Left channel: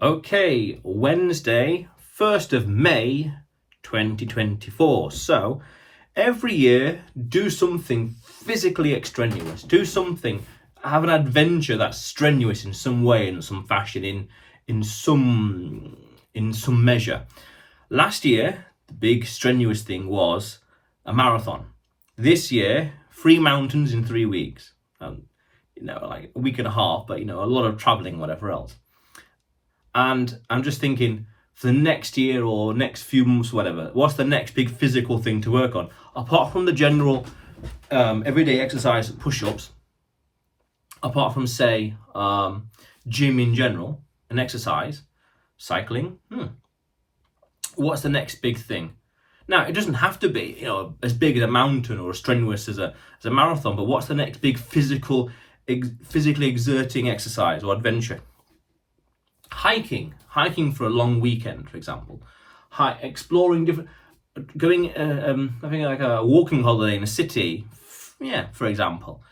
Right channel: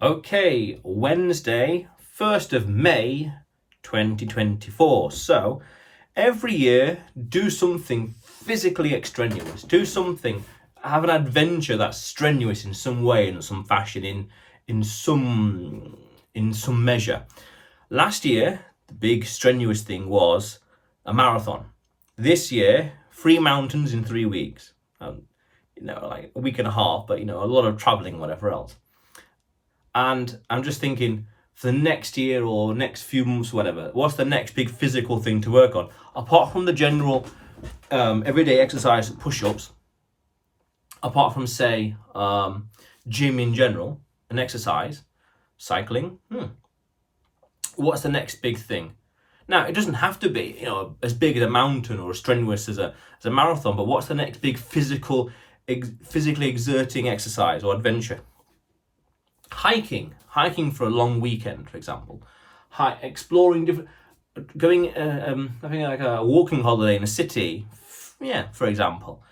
Okay, Wednesday, 1st of May, 2024. So, every year, do something physically extraneous. Do something, have an adventure that's strenuous in some way, in some fashion, in some measure. Last year, the big strenuous thing was a marathon. This year, 3 mountains in 3 weeks. Like a week and a half, but a lot of traveling, whatever else. And I'm just thinking, for the next year or next few months, whatever, what's the next big physical thing to work on? Apart from the general everyday exercise, push-ups, apart from, say, gym in general, and exercise, cycling, what's the next big thing? Now, it doesn't have to be, as big as a mountain or as strenuous as a marathon, but what's the next big physically exerting exercise or adventure? Hiking for a long weekend, for example. Exploring different, having like a walking holiday in a city, for example,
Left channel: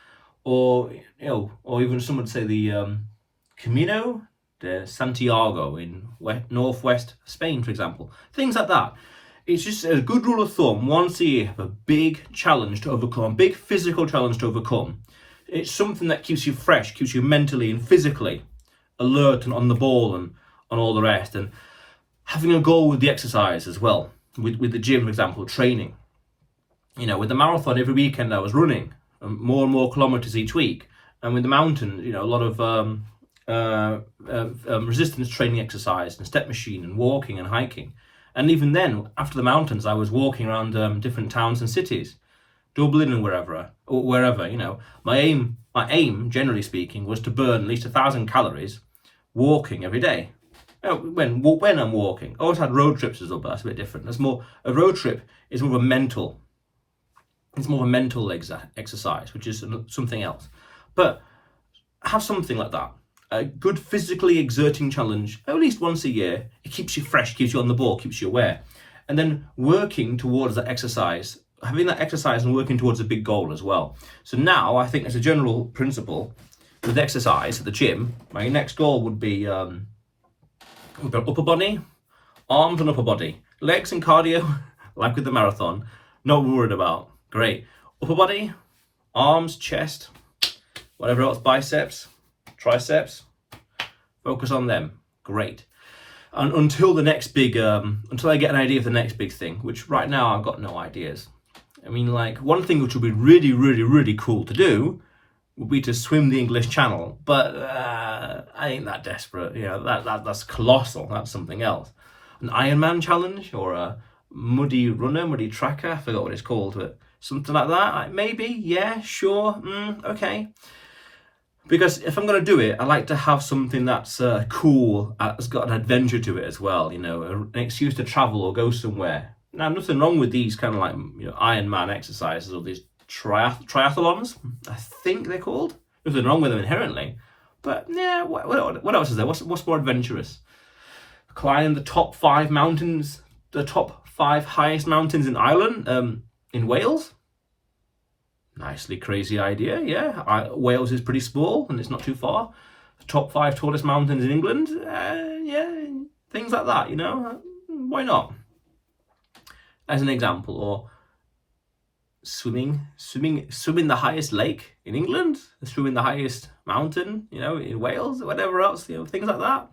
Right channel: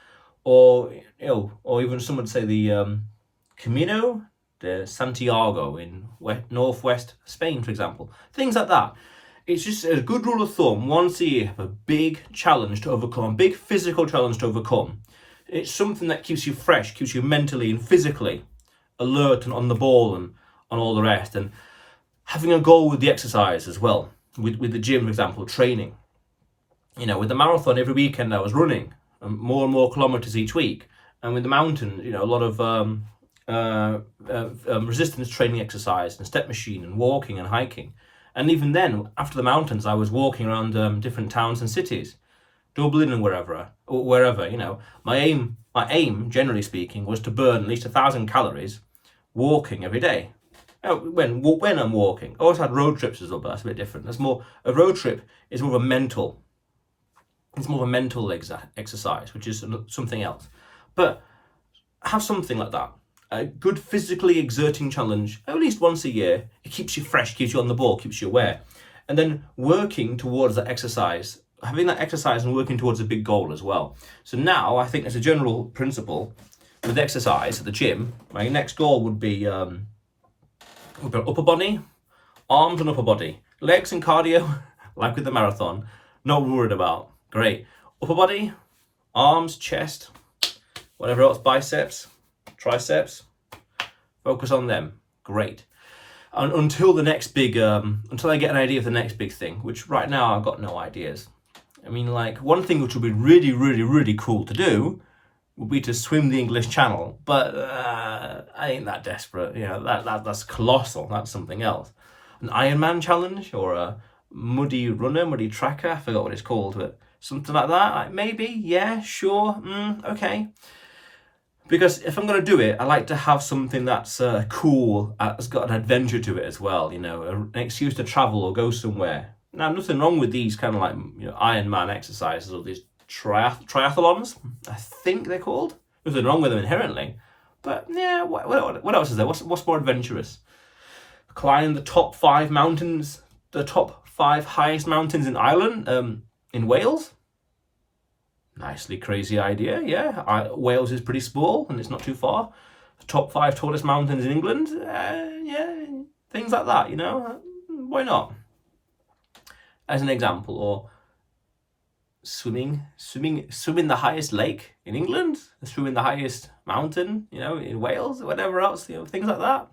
or even some would say the Camino de Santiago in northwest Spain, for example. Things like that. It's just a good rule of thumb. Once a year, have a big challenge to overcome, a big physical challenge to overcome. It's something that keeps you fresh, keeps you mentally and physically alert and on the ball and on all the rest, and having a goal with the exercise as well, with the gym, for example, training. With the marathon, every weekend I was running more and more kilometers each week, and with the mountains, a lot of resistance training exercise and step machine and walking and hiking. And even then, after the mountains, I was walking around different towns and cities, Dublin and wherever. My aim, generally speaking, was to burn at least 1,000 calories walking every day. When I'm walking, I also had road trips as well, but that's a bit different. A road trip is more of a mental. It's more of a mental exercise, which is something else. But have something like that, a good physically exerting challenge at least once a year. It keeps you fresh, keeps you on the ball, keeps you aware, and then working towards that exercise. Having that exercise and working towards a big goal as well. So now I think as a general principle with exercise at the gym, my next goal would be upper body, arms and upper body. Legs and cardio, like with the marathon, not worried about. Great. Upper body, arms, chest, whatever else, biceps, triceps, focus on them. Great. And until I get an idea of the next big thing, which right now I've got no ideas. Like one thing which would be really, really, really cool to do would be to swim the English Channel, but I ain't that desperate. That's colossal. That's something else. An Ironman challenge or a muddy tracker. I forgot what it's called, but something like that. Maybe, yeah, sure, okay. Because if I'm going to do it, I like to have something that's cool, that's got an adventure to it as well. An excuse to travel or go somewhere. Now, nothing wrong with these kind of like Ironman exercises or these triathlons, I think they're called. Nothing wrong with them inherently, but yeah, what else is there? What's more adventurous? Climb the top 5 mountains, the top 5 highest mountains in Ireland, in Wales. Nicely crazy idea, yeah. Wales is pretty small and it's not too far. The top 5 tallest mountains in England, yeah, things like that. Why not? As an example, or swimming the highest lake in England, swimming the highest mountain, in Wales, whatever else, things like that.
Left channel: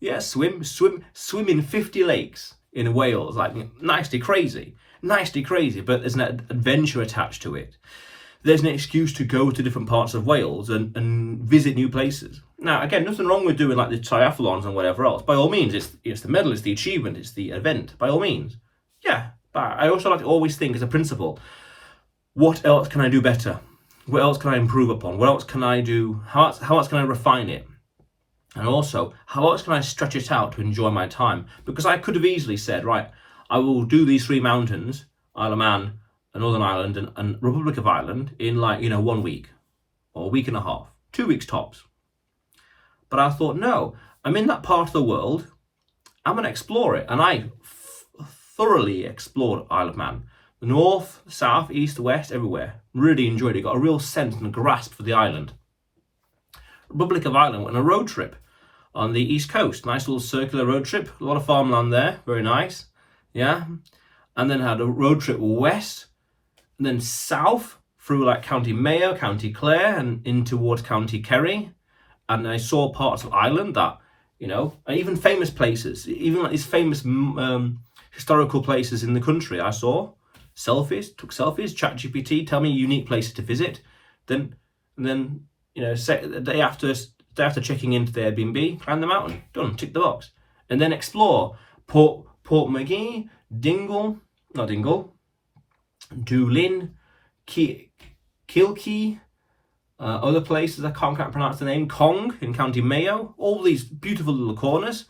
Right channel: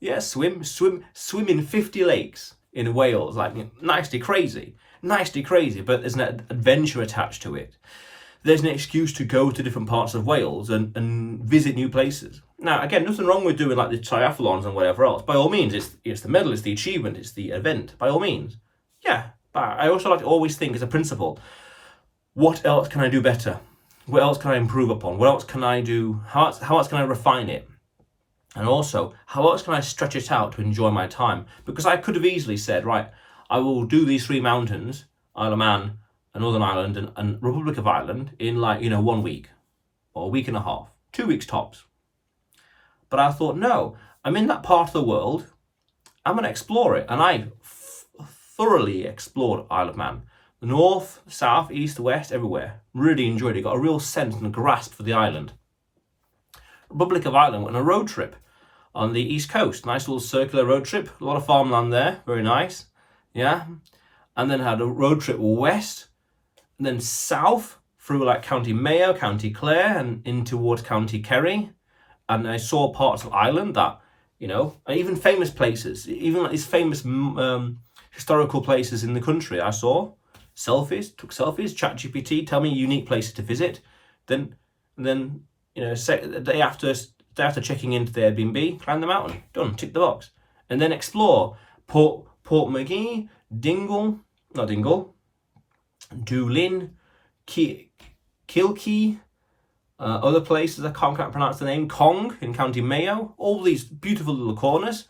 Yeah, swim in 50 lakes in Wales, like nicely crazy, but there's an adventure attached to it. There's an excuse to go to different parts of Wales and visit new places. Now, again, nothing wrong with doing like the triathlons and whatever else. By all means, it's the medal, it's the achievement, it's the event. By all means, yeah. But I also like to always think as a principle, what else can I do better? What else can I improve upon? What else can I do? How else can I refine it? And also, how else can I stretch it out to enjoy my time? Because I could have easily said, right, I will do these 3 mountains, Isle of Man, Northern Ireland, and Republic of Ireland in 1 week, or a week and a half, 2 weeks tops. But I thought, no, I'm in that part of the world, I'm going to explore it. And I thoroughly explored Isle of Man. The north, south, east, west, everywhere. Really enjoyed it. Got a real sense and grasp for the island. Republic of Ireland went on a road trip. on the East Coast. Nice little circular road trip. A lot of farmland there. Very nice. Yeah. And then had a road trip west, and then south through like County Mayo, County Clare, and in towards County Kerry. And I saw parts of Ireland that, you know, and even famous places, even like these famous historical places in the country. I saw selfies, took selfies, ChatGPT, tell me unique places to visit. Then, you know, the day after checking into the Airbnb, climb the mountain, done, tick the box. And then explore Portmagee, Doolin, Kilkee, other places I can't quite pronounce the name, Cong in County Mayo, all these beautiful little corners,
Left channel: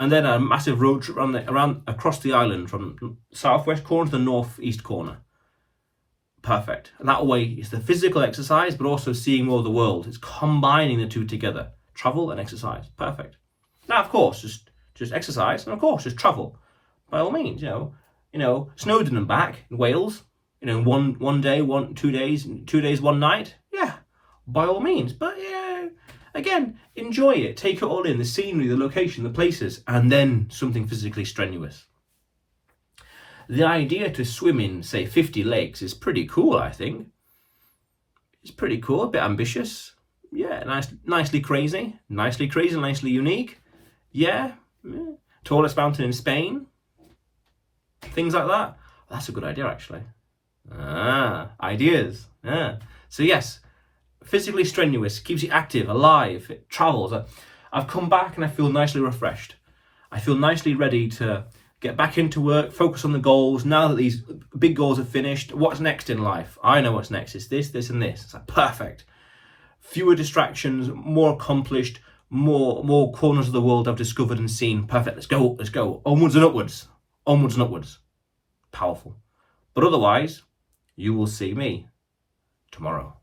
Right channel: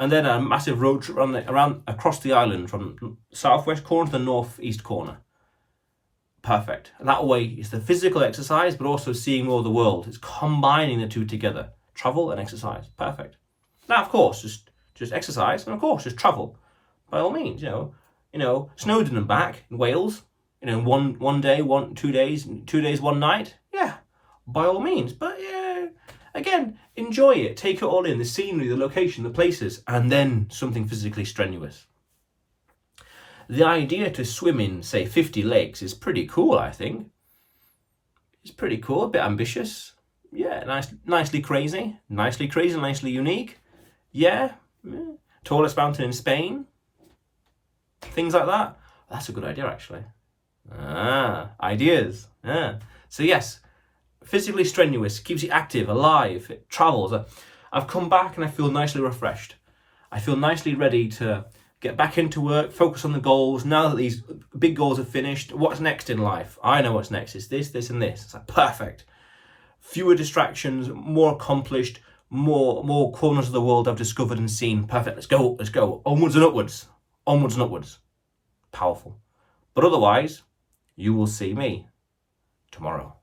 and then a massive road trip around across the island from southwest corner to the northeast corner. Perfect. And that way it's the physical exercise, but also seeing more of the world. It's combining the two together, travel and exercise. Perfect. Now, of course, just exercise, and of course, just travel. By all means, you know, Snowdon and back in Wales, you know, one day, 2 days, 2 days, 1 night. Yeah, by all means. But yeah, again, enjoy it. Take it all in, the scenery, the location, the places, and then something physically strenuous. The idea to swim in, say, 50 lakes is pretty cool, I think. It's pretty cool, a bit ambitious. Yeah, nicely crazy, nicely unique. Yeah. Tallest mountain in Spain. Things like that. That's a good idea, actually. Ideas. Yeah. So yes, physically strenuous, keeps you active, alive, it travels. I've come back and I feel nicely refreshed. I feel nicely ready to get back into work, focus on the goals. Now that these big goals are finished, what's next in life? I know what's next. It's this, and this. It's like perfect. Fewer distractions, more accomplished, more corners of the world I've discovered and seen. Perfect. Let's go. Onwards and upwards. Powerful. But otherwise, you will see me tomorrow.